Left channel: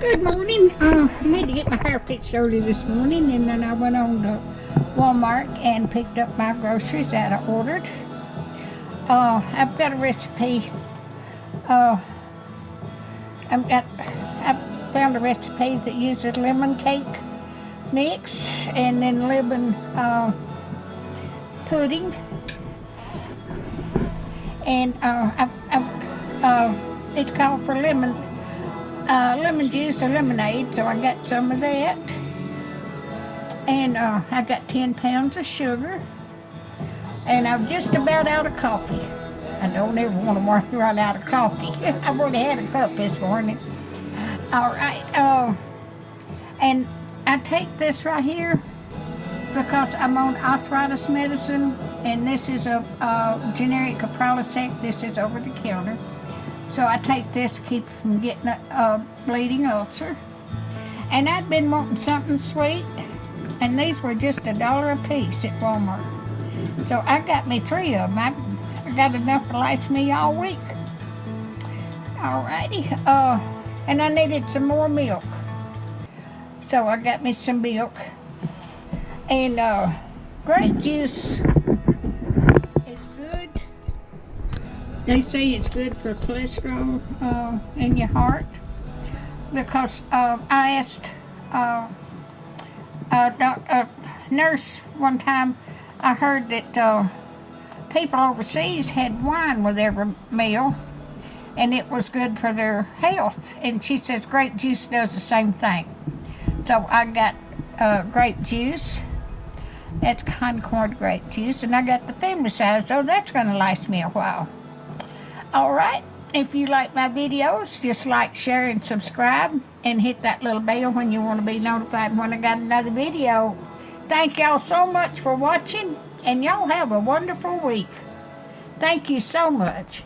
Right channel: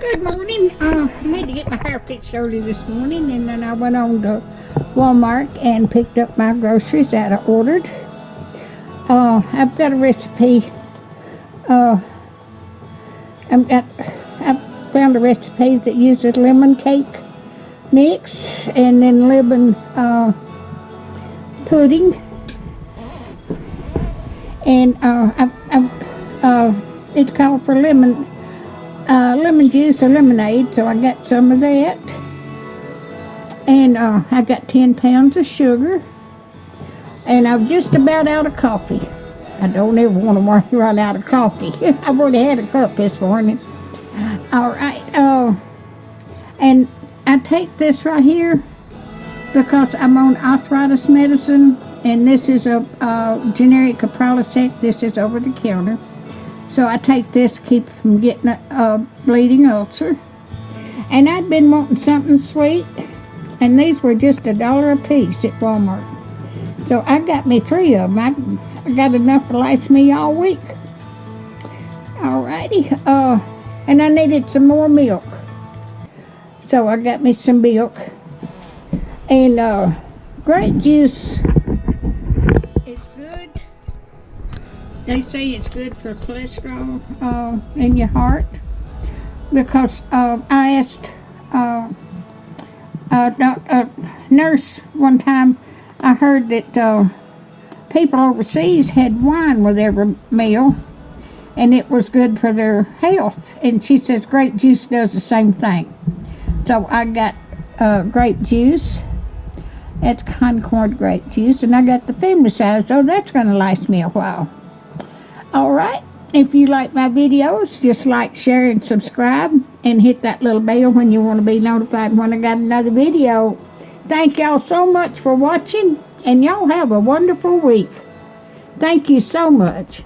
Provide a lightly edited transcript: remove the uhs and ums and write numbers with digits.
Good morning. I had to get my hair fixed early this morning, and then I went on to Walmart and picked up my groceries that I ordered. I've got a recipe. I've found a recipe that uses lemon cake mix and then lemon pudding. And it's called for lemon juice or lemonade, so I got some of that. And I got 10 pounds of sugar. And I'm just about out of coffee. I don't ever want to run out of coffee. I've already had a cup this morning. All right. And I take this right here because I'm on arthritis medicine, and this is a generic Prilosec. This is over the counter. So I take this to keep from getting a bleeding ulcer. And I'd been wanting something sweet, and these were just $1 a piece at Walmart. So I got me 3 of them. I got enough to last me all week. Alrighty. And I needed some more milk. So I got me some milk. And grape juice is good. They say it's good for cholesterol in your heart. Because I asked a nurse one time, I heard that people overseas had wine with every meal, and it was good for their health. And she says grape juice does the same thing. So I got grape juice. That's Concord grape juice, and I got the family size, so that's going to last me a while. All right. If you like my videos, just like, share, and subscribe, and hit that little bell when you want to be notified when I got another video. Thank y'all so much for watching, and y'all have a wonderful week. Thank you so much.